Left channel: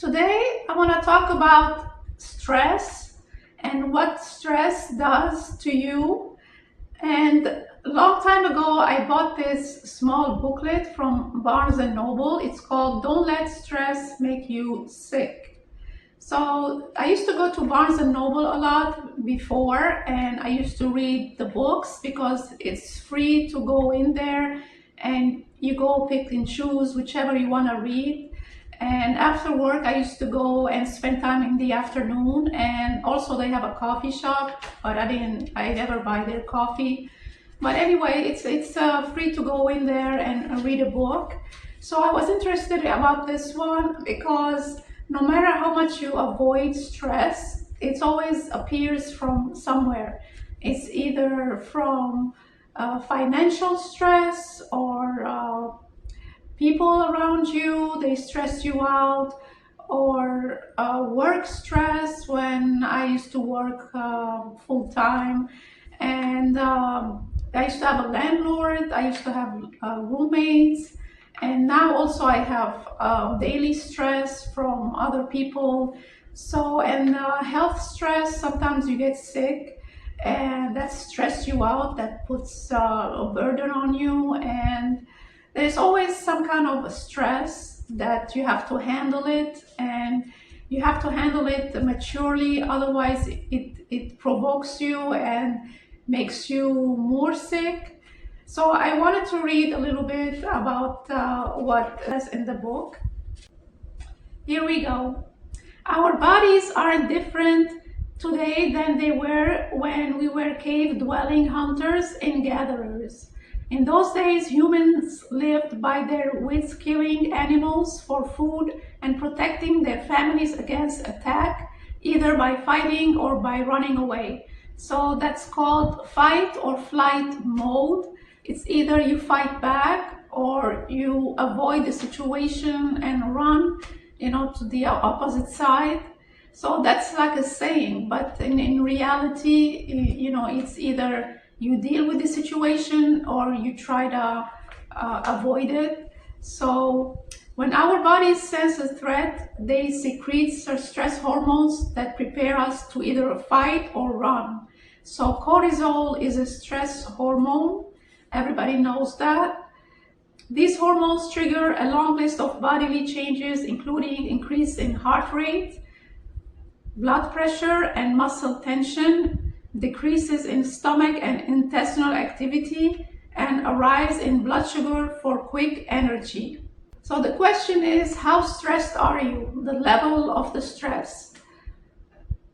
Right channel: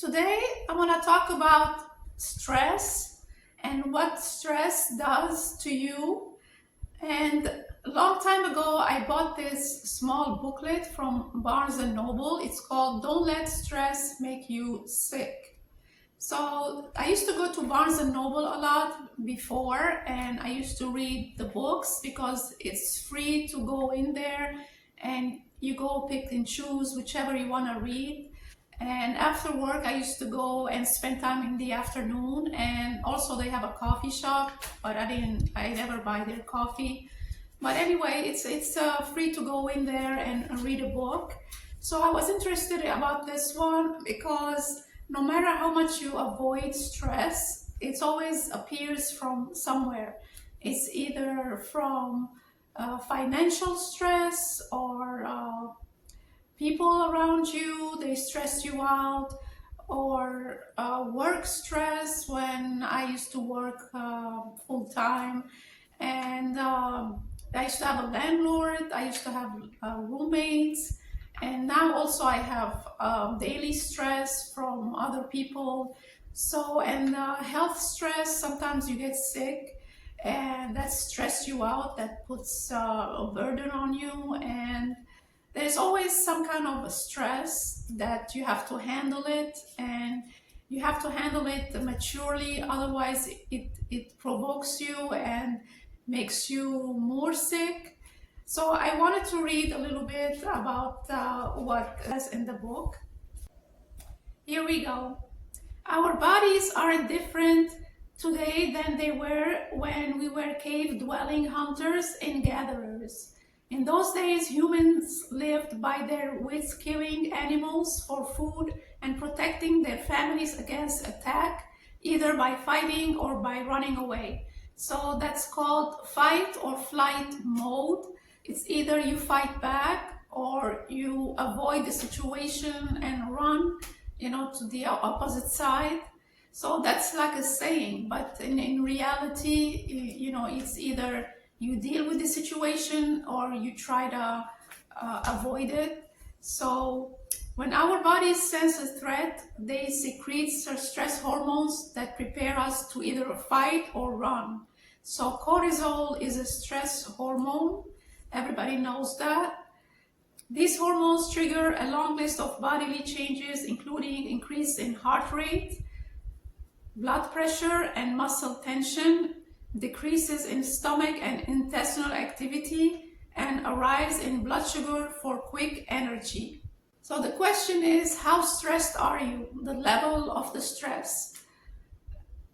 Today, I want to talk about stress and what stress does to you. And a long time ago, I bought this small booklet from Barnes and Noble. It's called Don't Let Stress Make You Sick. So I used to go to Barnes and Noble a lot before, and I used to read the books because it's free to go in there and you go pick and choose whichever you want to read. And after work, I used to go and spend time in the afternoon. And also, they have a coffee shop, but I never buy their coffee. But anyway, it's free to go in there and read a book. So I was interested about this one because no matter how much you avoid stress, it always appears from somewhere. It's either from financial stress or people around you, they stress you out, or work stress when I used to work full time. And I used to have a landlord, I used to have roommates, and now also I have daily stress from other people. So, and health stress, sometimes you get sick and that stress you out, that puts a burden on you. And there's always some kind of a stress that you have to handle it, and you have to handle it maturely, otherwise it provokes you and makes you more sick. So I wanted to read a little bit about what is in the book. Here we go. Our bodies are different today than they were when we were cave-dwelling hunters and gatherers. In those days, humans lived by their wits, killing animals for food and protecting their families against attack, either by fighting or by running away. So that's called fight or flight mode. It's either you fight back or you avoid the situation and run, to the opposite side. So that's like a saying, but in reality, it's either you deal with the situation or you try to avoid it. So when our bodies sense a threat, they secrete stress hormones that prepare us to either fight or run. So cortisol is a stress hormone. Everybody knows that. These hormones trigger a long list of bodily changes, including increase in heart rate, blood pressure and muscle tension, decreases in stomach and intestinal activity, and a rise in blood sugar for quick energy. So the question is, how stressed are you? The level of the stress.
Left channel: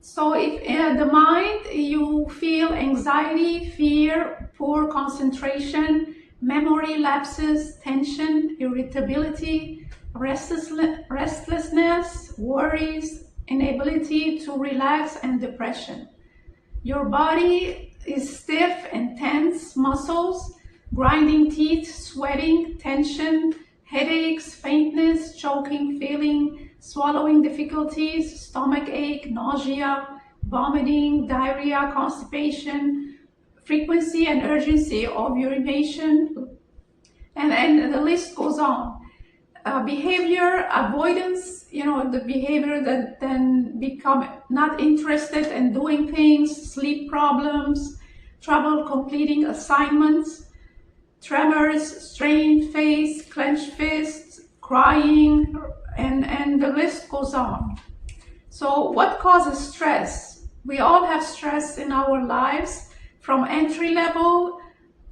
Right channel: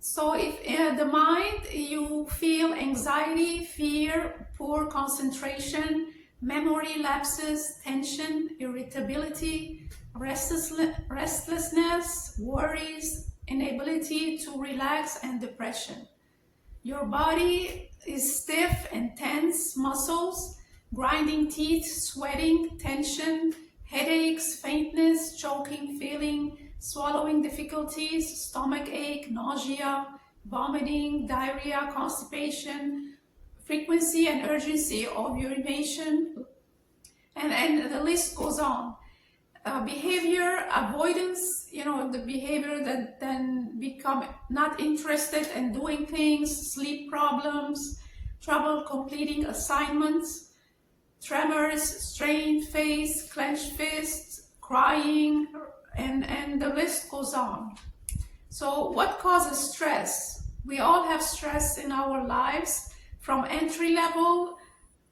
So if in the mind you feel anxiety, fear, poor concentration, memory lapses, tension, irritability, restlessness, worries, inability to relax, and depression. Your body is stiff and tense, muscles, grinding teeth, sweating, tension, headaches, faintness, choking feeling, swallowing difficulties, stomach ache, nausea, vomiting, diarrhea, constipation, frequency and urgency of urination, and the list goes on. Behavior avoidance, the behavior that then become not interested in doing things, sleep problems, trouble completing assignments, tremors, strained face, clenched fists, crying, and the list goes on. So what causes stress? We all have stress in our lives, from entry level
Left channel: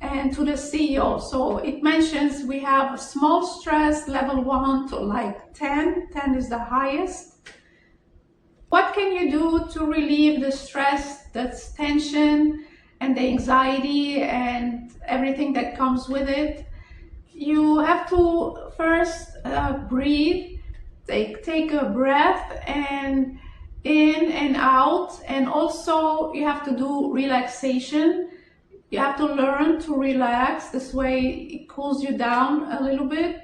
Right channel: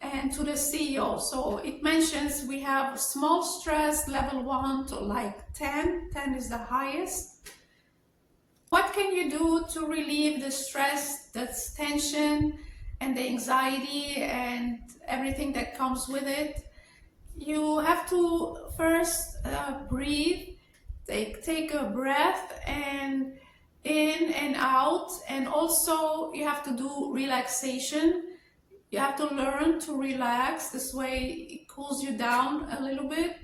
and to the CEO. So it mentions we have small stress, level 1 to like 10. 10 is the highest. What can you do to relieve the stress, that's tension and the anxiety and everything that comes with it? You have to first breathe, take a breath and in and out, and also you have to do relaxation. You have to learn to relax. This way it cools you down a little bit.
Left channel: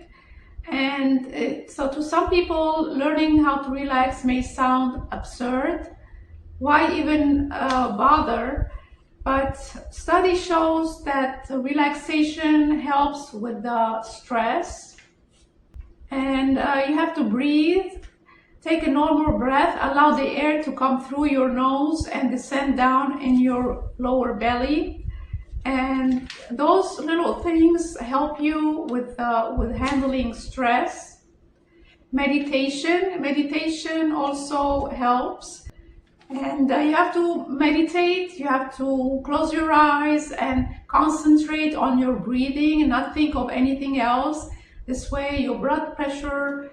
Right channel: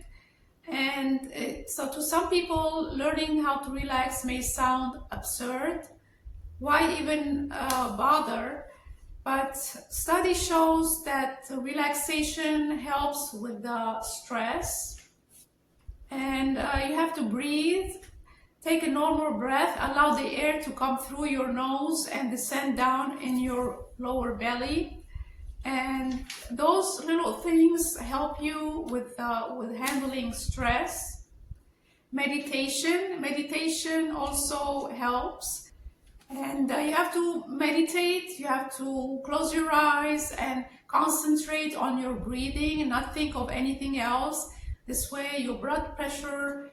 And so to some people, learning how to relax may sound absurd. Why even bother? But study shows that relaxation helps with the stress. And you have to breathe Take a normal breath. Allow the air to come through your nose and descend down in your lower belly. And those little things help you with handling stress. Meditation also helps. And you have to meditate, you have to close your eyes and concentrate on your breathing and not think of anything else. This way your blood pressure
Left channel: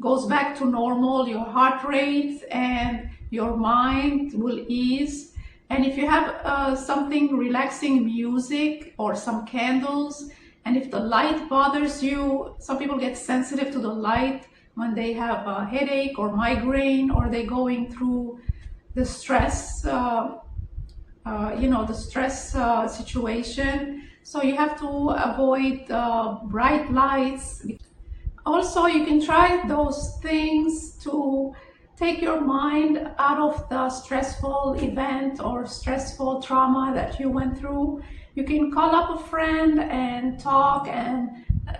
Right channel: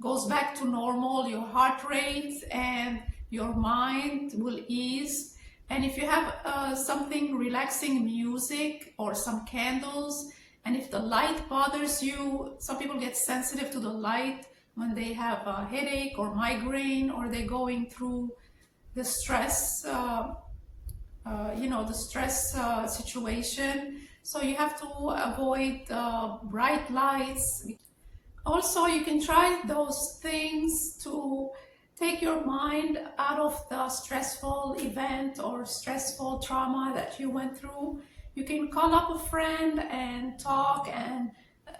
goes back to normal, your heart rate and your mind will ease. And if you have something relaxing music or some candles, and if the light bothers you, some people get sensitive to the light when they have a headache or migraine, or they're going through the stress, the stress situation. So you have to avoid bright lights. Also, you can try those things to take your mind out of the stressful event or stressful trauma that you went through. You can call up a friend and talk and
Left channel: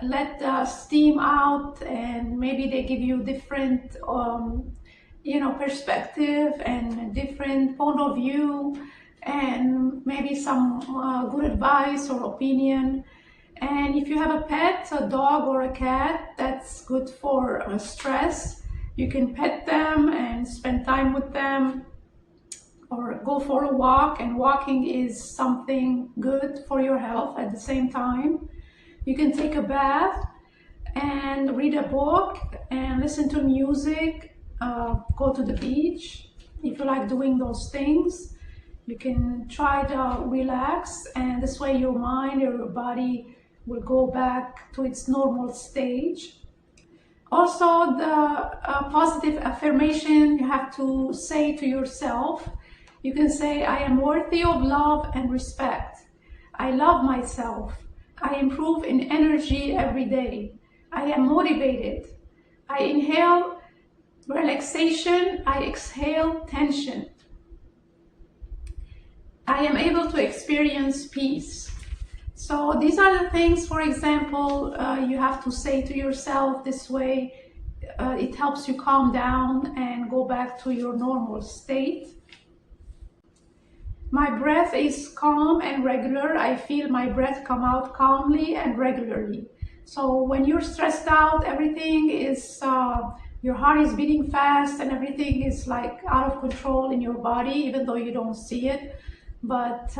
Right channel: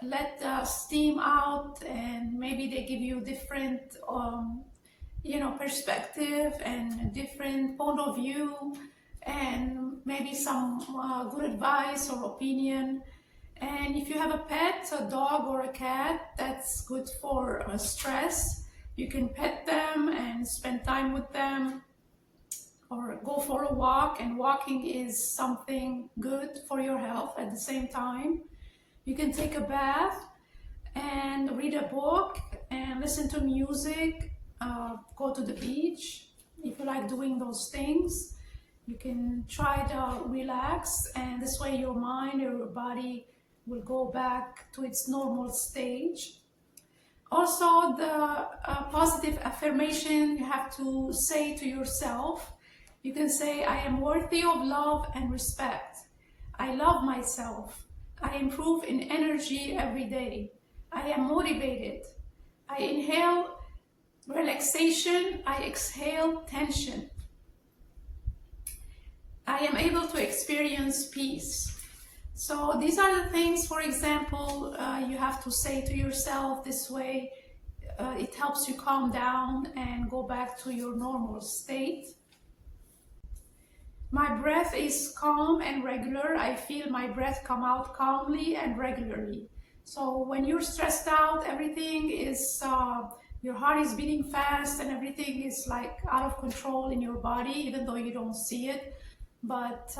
let the steam out, and maybe they give you different perspective and different point of view, and maybe some good advice or opinion. And if you have a pet, a dog or a cat, that's good for stress. You can pet them and spend time with them, or go for a walk, and walking is something good for your health at the same time. You can take a bath and read a book and listen to music, go to the beach. If you like doing those things, you can try to relax, and this way your mind or your body will go back to its normal stage. Also, the positive affirmation you have to say to yourself. You can say, I am worthy of love and respect. I love myself. I improve in energy every day. I am motivated. I inhale relaxation. I exhale tension. I am able to experience peace. So these are the things, for example, you have to say to yourself. This way it helps you calm down and go back to your normal state. My breath is calm and regular. I feel my breath come out calmly and regularly. So when you're stressed out, everything is, your heart is beating fast and everything is like out of control in your body, even though you don't see it. But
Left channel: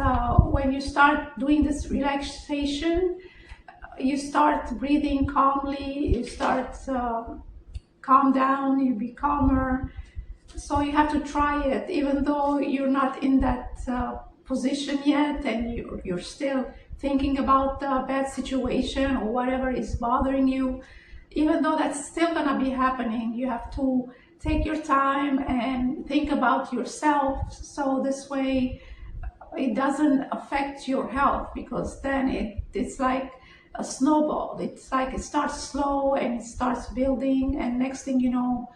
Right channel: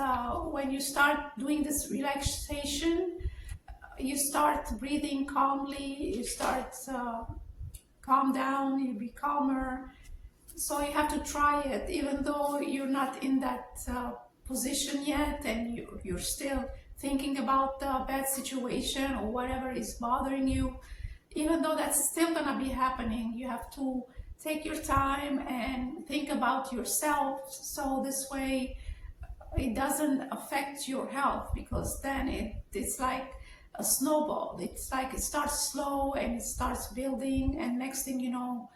when you start doing this relaxation, you start breathing calmly, you start calm down, you be calmer. So you have to try it, even though you're not in that position yet, and you're still thinking about the bad situation or whatever is bothering you. Even though that's still gonna be happening, you have to take your time and think about yourself, so this way it doesn't affect your health, because then it's like a snowball. It's like it starts slow and it starts building, and next thing you know,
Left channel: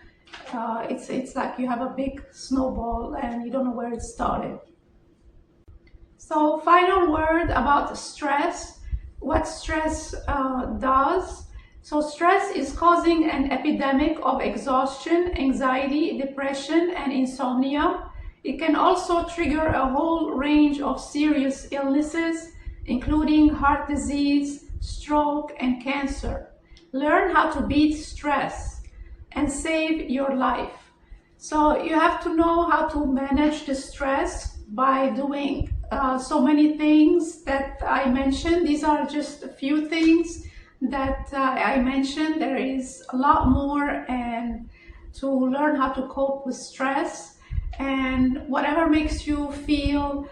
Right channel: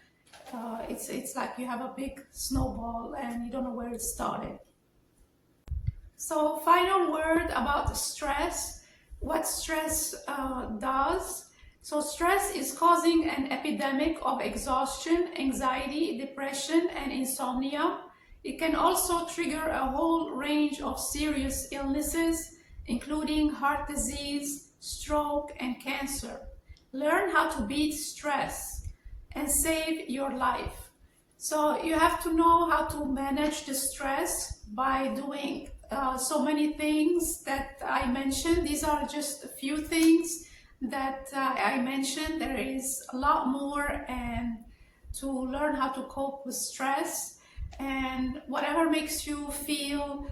it's like you have a big snowball and you don't know where it started. So final word about stress, what stress does. So stress is causing an epidemic of exhaustion, anxiety, depression, and insomnia. It can also trigger a whole range of serious illnesses, including heart disease, stroke, and cancer. Learn how to beat stress and save your life. So you have to know how to manage the stress by doing so many things that I mentioned. These are just a few things that I mentioned. There is a lot more, and to learn how to cope with stress, and whatever makes you feel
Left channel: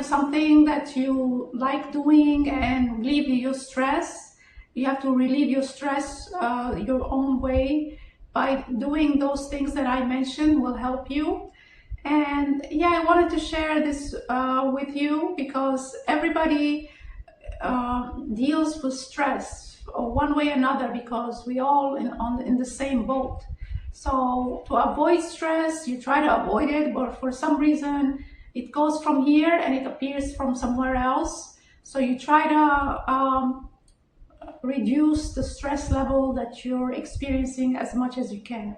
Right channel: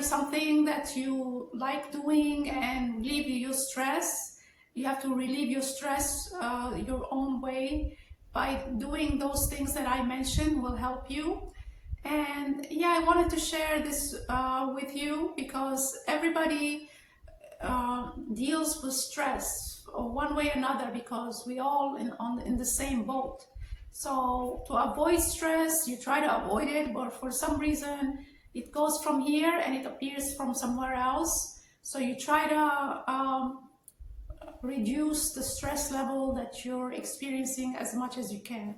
something that you like doing and relieve your stress. You have to relieve your stress your own way. By doing those things that I mentioned will help you. And yeah, I wanted to share this with you, because everybody deals with stress one way or another, because we all in the same boat. So to avoid stress, you try to avoid it, but for some reason it goes from here and it appears from somewhere else. So you try to reduce the stress level that you're experiencing as much as you can.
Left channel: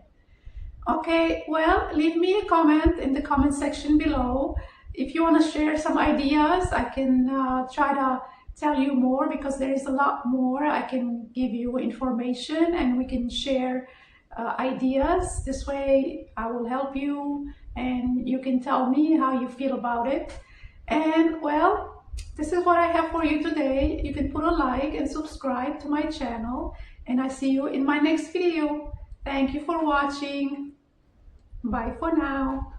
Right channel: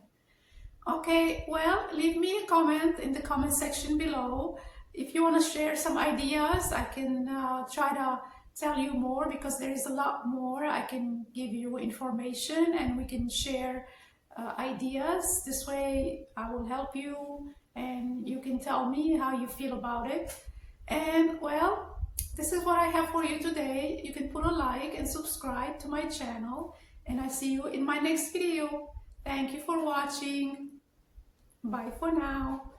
Okay, well, leave me a comment in the comment section below. If you want to share some ideas, I can try to tell you more, because there is a lot more. I can give you information and we can share ideas. This way I will help you and you can tell me how you feel about it. And well, this is what I have for you today. You can put a like and subscribe to my channel, and I see you in my next video. Thank you for watching. Bye for now.